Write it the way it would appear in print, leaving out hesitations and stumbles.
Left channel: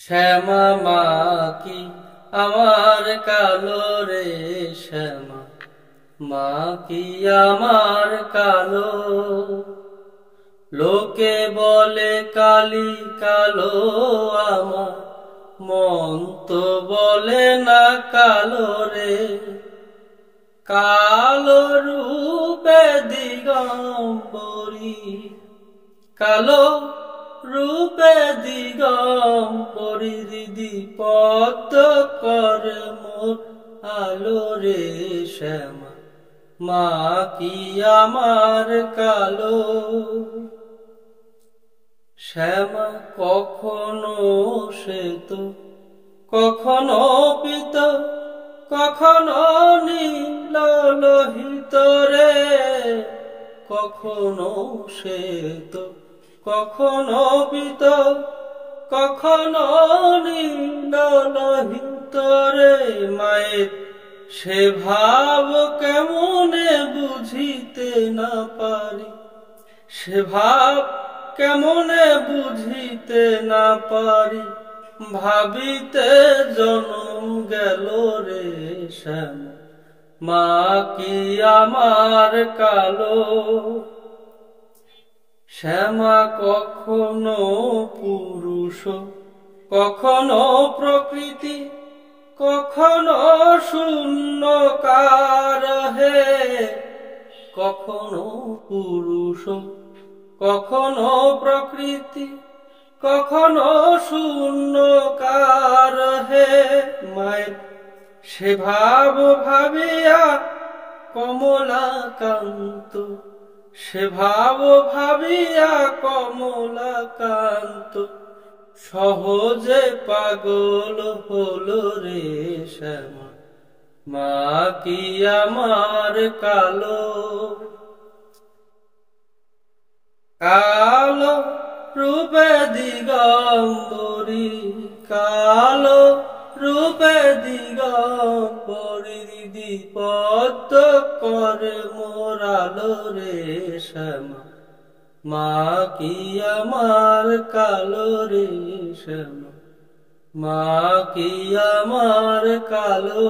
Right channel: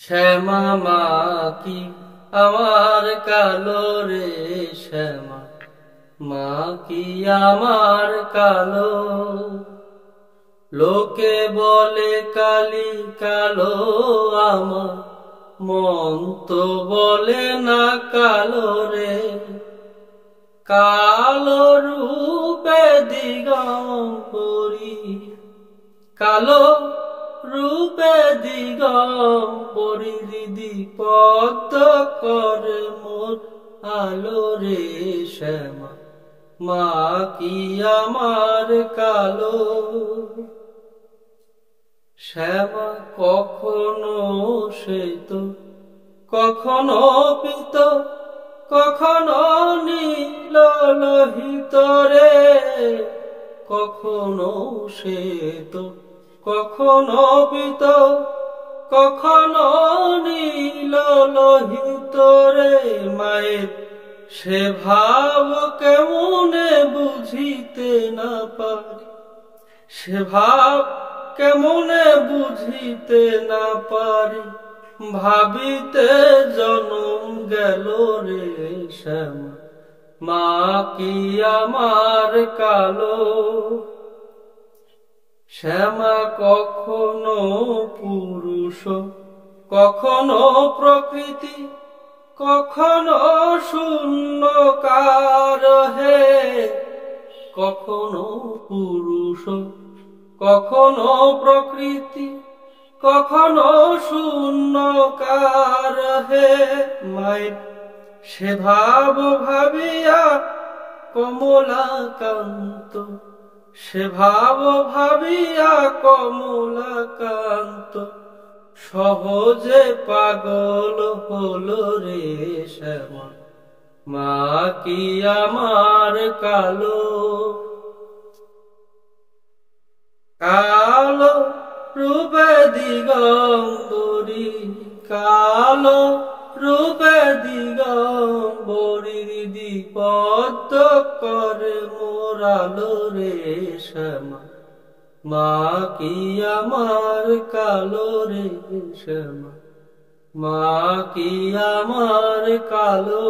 শ্যামা মা কি আমার কালো রে শ্যামা মা কি আমার কালো। লোকে বলে কালি কালো, আমার মন তো বলে না কালো রে। কালো রূপে দিগম্বরী, কালো রূপে দিগম্বরী দিদি পদ্ম করে মোর আলো রে শ্যামা মা কি আমার কালো। শ্যামা কখনো শ্বেত, কখনো পীত, কখনো নীল লোহিত রে। কখনো শ্বেত, কখনো পীত, কখনো নীল লোহিত রে। মায়ের সে ভাব কেমনে বুঝিতে না পারি, সে ভাব কেমনে বুঝিতে না পারি। ভাবিতে জনম গেল রে শ্যামা মা কি আমার কালো। শ্যামা কখনো পুরুষ, কখনো প্রকৃতি, কখনো শূন্যকার হে। কখনো পুরুষ, কখনো প্রকৃতি, কখনো শূন্যকার হে। মায়ের সে ভাব ভাবিয়া কমলাকান্ত, সে ভাব ভাবিয়া কমলাকান্ত সহজে পাগল হলো রে শ্যামা মা কি আমার কালো। কালো রূপে দিগম্বরী, কালো রূপে দিগম্বরী দিদি পদ্ম করে মোর আলো রে শ্যামা মা কি আমার কালো রে শ্যামা মা কি আমার কালো।